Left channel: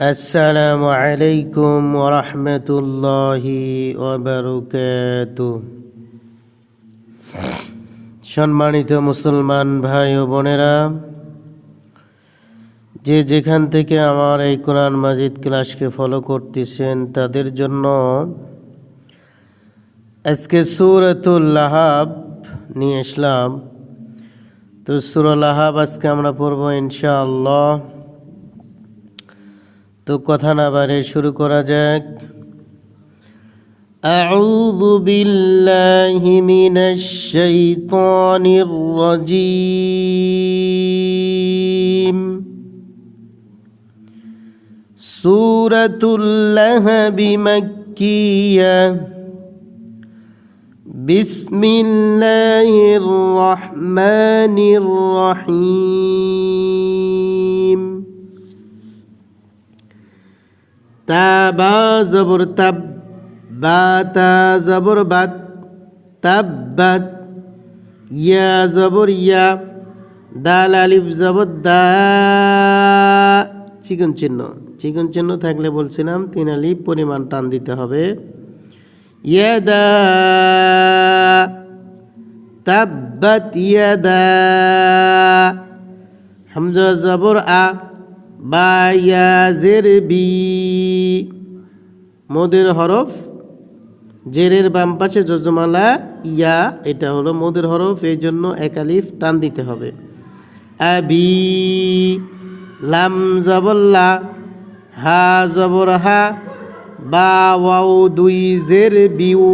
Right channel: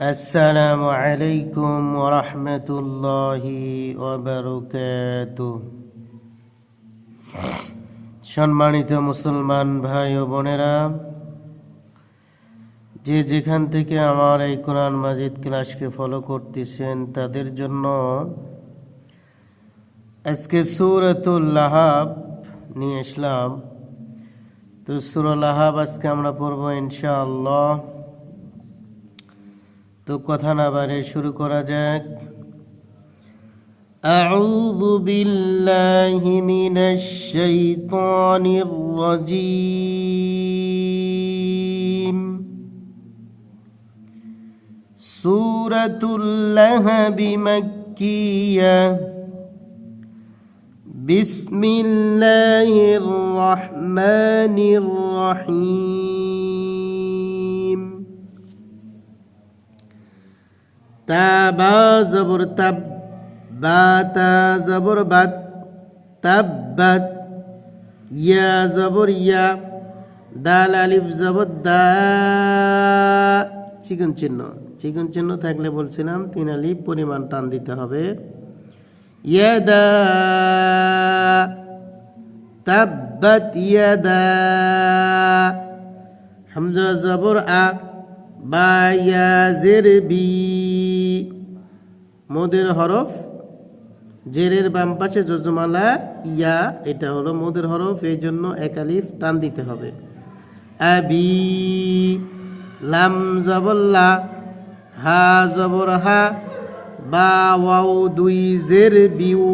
আসসালামু আলাইকুম রহমতুল্লাহি সম্মানিত মুসলমান ভাই ও বোনেরা, যে যেখান থেকে আমার এই কোরআন মাজিদ ক্লাসকে ফলো করতেছেন, তাদের জন্য আজকে সুরতুল্লাহাব নিয়ে আসলাম। তো সুরুল আহাব আজকে আমরা পড়ব ইনশাআল্লাহ। তো কথা না বাড়ে শুরু করা যাক أعوذ بالله من الشيطان الرجيم سورة اللهب مكية بسم الله الرحمن الرحيم তাবা জবর তাব বা তা জবর বাত তাব্বাত ইয়া জবর ইয়া, দাল আলিফ জবর দা, চিকন চিহ্ন চিকন চিহ্ন থাকলে বলছিলাম, তিন আলিফ পরিমাণ টান দিতে হবে। ইয়াদা তাব্বাত ইয়াদা হামজা জবর আ বা ইয়া জের বি। মোদের হরফ, জেরের বাম পাশে যজমালা, ইয়া, এটা হলো মোদের হরফ, এই জন্য একালিফ টান দিতে হবে। আবি লাম জবল্লা হা, জবর, হা, বা, ওয়াও, দুই, জের, বিউ।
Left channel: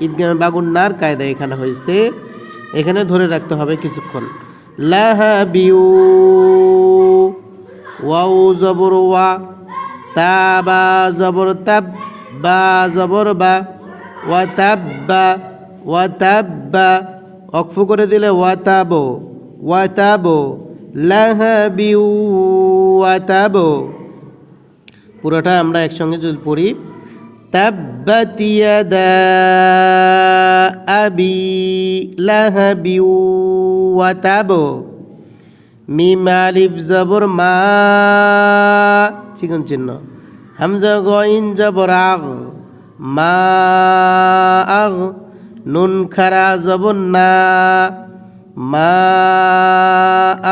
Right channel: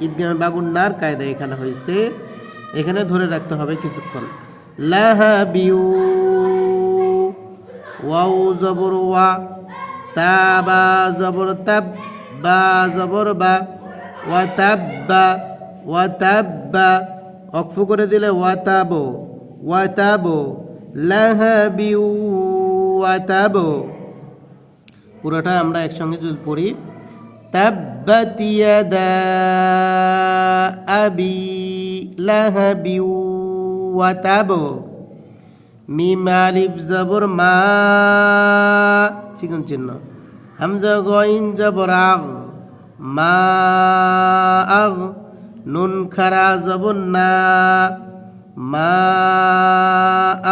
ঈদগামে বাগুন্নার কায়দা এখানে হয়েছে। এখানে ধরে রাখতে হবে কিছুক্ষণ। লাহা বিউ। ওয়াও জবর ওয়া, তা বা জবর তাব বা জবর বা, ওয়া তাব্বা ওয়া তাব্বা অক্ফু করে দিলে ওয়া তাব, ওয়া তাবো লাহাবি ওয়া তাব। পুরোটা আমরা একসঙ্গে যদি পড়ি ইয়াদা আবি লাহাবি ওয়া তাবো। মিম আলিফ জবর মা, চিকন চিহ্ন। হামজা গইন জবর আগ, মা আগ, নুন খারা জবর না, মা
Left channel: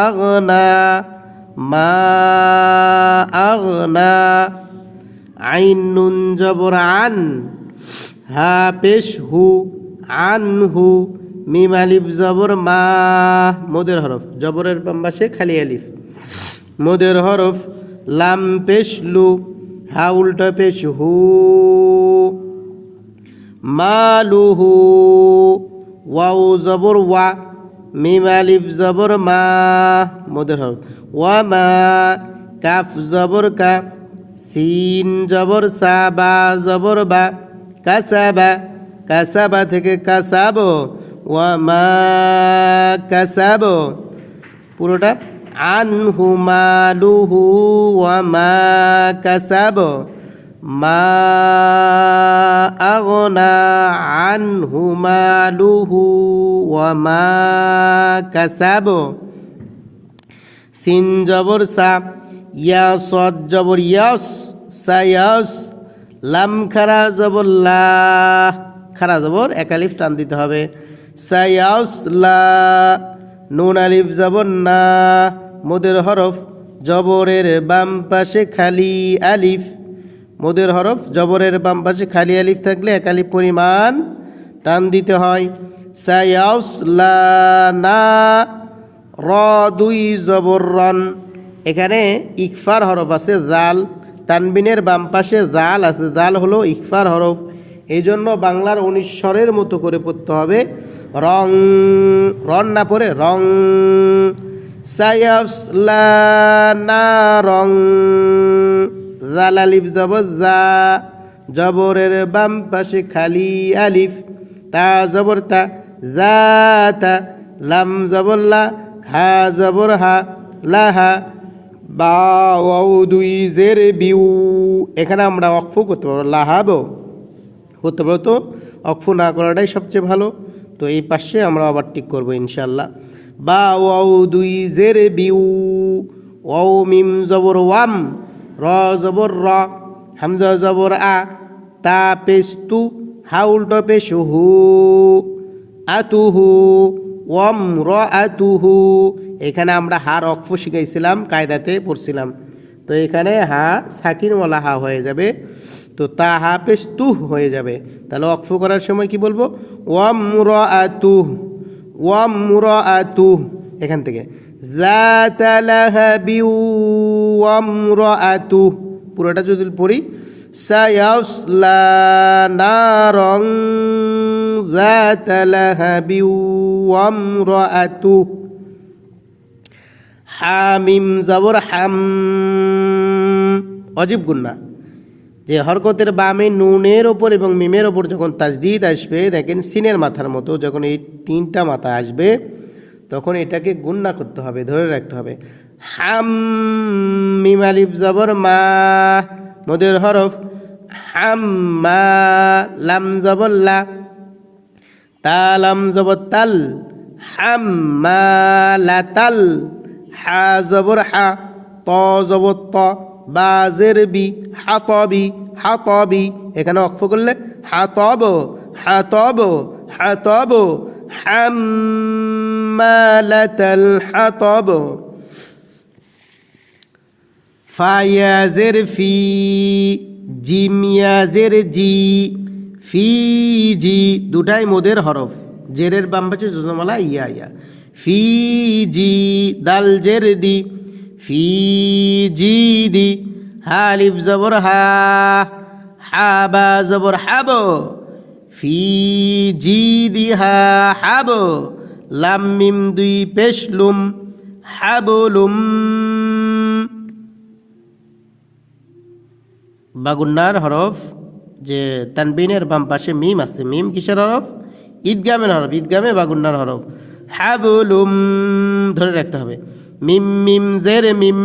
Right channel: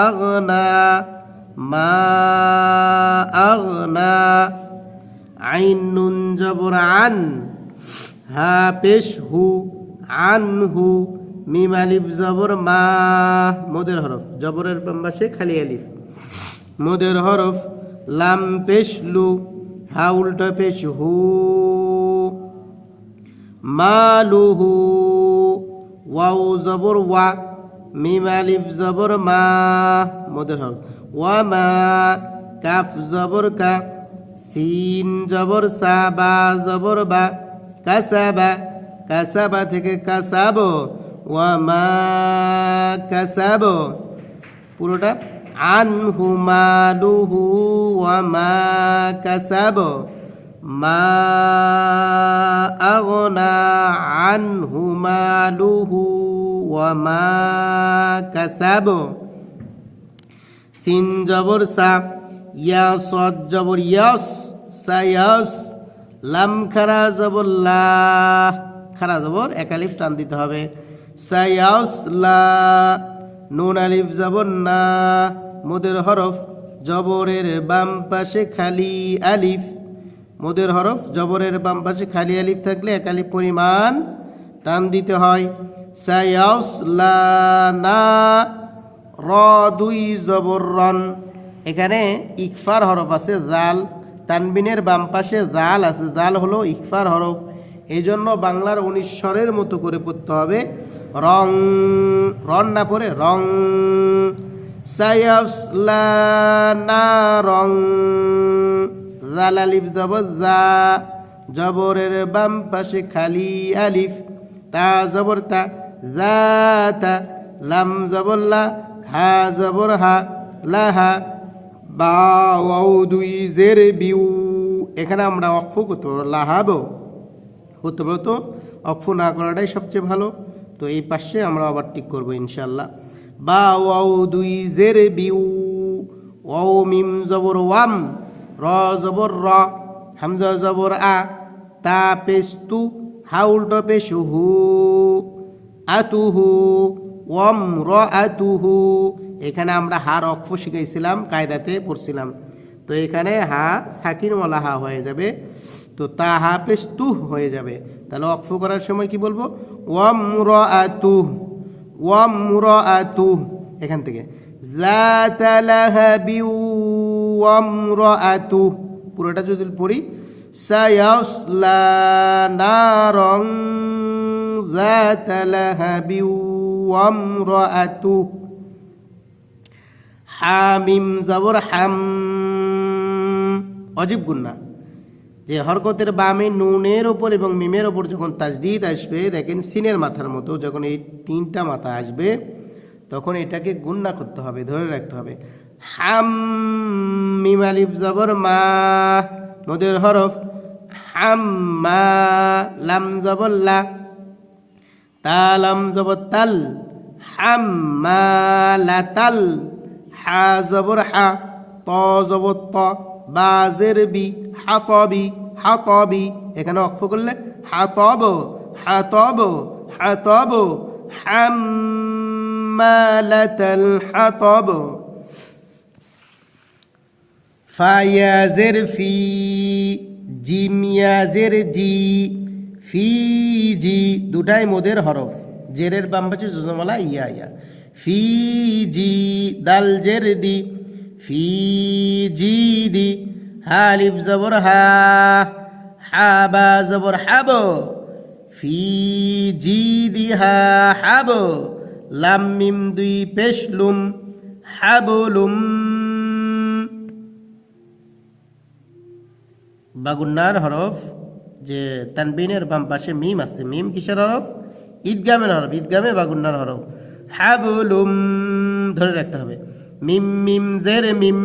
আগনা মা আগনা আইন নুন জবর আন, হা পেশ হু, আন হু। মিম আলিফ, জবর মা, মোদের হরফ। জবরের পাম্বাসে খালি আলিফ। মোদের হরফ, লাম পেশ লু, হা উল্টা পেশ হু। মালুহু ওয়াও জবর ওয়া, মিম আলিফ জবর মা, মোদের হরফ। ওয়া মা, কাফ জবর কা, সিন জবর সা, বা জবর বা, কাসাবা কাসাবা থেকে কাসাবো ওয়ামা কাসাবো। পুরোটা আনহু মালুহু ওয়ামা কাসাবো। মা আগনা আনহু মালুহু ওয়ামা কাসাবো। সিন জবর সা, ইয়া সদ জবর ইয়াস সায়াস লাম খারা জবর লা, খারা জবর একালিফ টান দিতে হবে। সায়াসলা, নুন আলিফ জবর না, মোদের হরফ জবরের বাম পাশে খালি আলিফ। মোদের হরফ জবরের বাম পাশে খালি আলিফ থাকলে একালিফ পরিমাণ টান দিতে হয়। সায়াসলা না, র দুই জবর রন। এখানে ইকফার হরফ আছে জাল, তানবিনের বাম পাশে জাল আছে, জাল হলো ইকফার হরফ। এই জন্য বাংলার উনিশ স্বরের মতো করে পড়তে হবে। রং, রন না পড়ে, রং। রং। জাল আলিফ জবর জা। জবরের বাম পাশে খালি আলিফ। তা জবর, তা জা, তা লাম জবল্লা হা জবর, হা লাহা বা দুই, জের, বিউ। এখানে আমরা অক্ফ করতে পারব লাহাবো করতে পারো তো? অক্ফ না করাটাই সবচেয়ে ভালো। তো এই পাশে আমরা আবার টিক করব ইনশাল্লাহ বা ওয়াও দুই জের বিউ ওয়াও মিম জবর ওয়াম, র জবর র, হামজা জবর আ, তা পেস্তু হা উল্টো পেশ হু আতুহু ওম র আতুহু। এখানে আমরা হার অক্ষ শিখাইছিলাম, কায়দাতে পড়ছিলাম। তো এখানে হা সাকিনওয়ালা হা হয়ে যাবে। তো তা হা পেশ তুহ হয়ে যাবে। তাহলে অক্ষ করার সময় কি বলব? ওয়াম র আতুহ ওয়াম র আতুহ এখান থেকে। পুরোটা যদি পড়ি, সায়াসলা নারং হামিম জবর হাম, অজীব গুন্না যে হরকতের বামে নুনের ওপর এবং মিমের ওপর যখন তাজদিদ আসবে, দেখেন সিনের মাথার মতো যখন এই তিনটা মাথা আসবে, তখন এটাকে গুন্না করতে হবে, ধরে রাখতে হবে। হাম, মিম, আলিফ, জবর, মা, মদের হরফ, হাম, মা, লাম, জবর, লা তালাম জবর, তাল, হাম, মা, লা, তাল, হা, জবর, হা, ত, জবর, ত। বাজের বি, হাতবি হাতবি। এখানে অক্ষ করলে হাতব হাতব হাতব। হাম্মালাতাল হাতব। ফায়াজের ফি জিমিয়াজের জি, ফি জি। দুটাই মোদের হরফ। জেরের বাম পাশে যোজমালা ইয়া ইয়া। ফি জি, দাল জের দি। ফি জি দি হালিফ জবর হা, হাবা জবর হাব, ফি জি দি হা হাব, লাম মিম দুই পেশলুম হাবলুম বাগুন্নার হরফ যে তানবিনের বাম পাশে মিম আছে, মিম কিসের হরফ? ঈদগামের হরফ, ঈদগামে বাগুন্নার হরফ। হাবুলুম ধরে রাখতে হবে। মিম মিম, জের, মিম।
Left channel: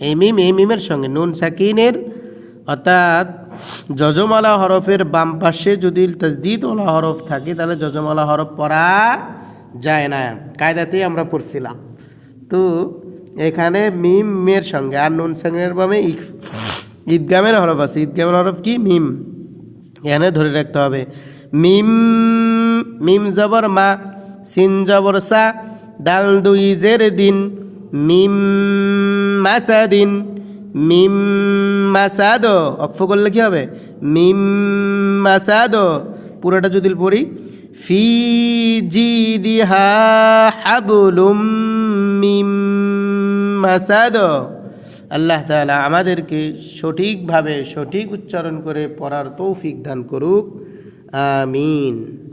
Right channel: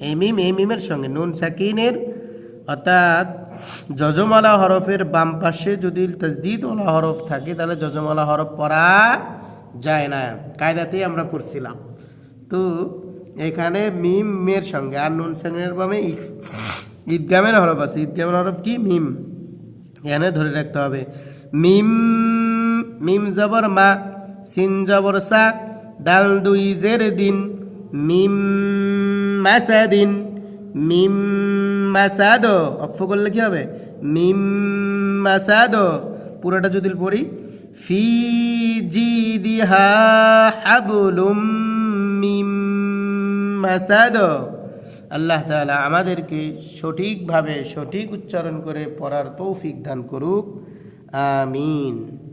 এই মিম, এই মিমের সঙ্গে নুন সাকিনের। অর্থাৎ যজমালা হরফের বাম পাশে যদি তসদিদওয়ালা হরফ থাকে, তাহলে যজমালা হরফ পড়া যায় না। কায়দাতেই আমরা পড়ছিলাম। তো এখানে মিমের সঙ্গে আর নুন সাকিনের বামে ঈদগামের হরফ আছে। ঈদগামের হরফ কি? মিম। এখানে ধরে রাখতে হবে। মিম মিম জবর মা, সিন জবর সা, দাল দুই জের দিন। মিম মাসাদিন, মিম মাসাদ। অক্ষ করলে কি হবে? মিম মাসাদ। পুরোটা যদি পড়ি, ফি জি দিহা হাবুলুম মিম মাসাদ। আল্লাহ তাআলা আমাদেরকে সঠিকভাবে সঠিক উচ্চারণ করে পড়ার তৌফিক দান করুক। আমিন।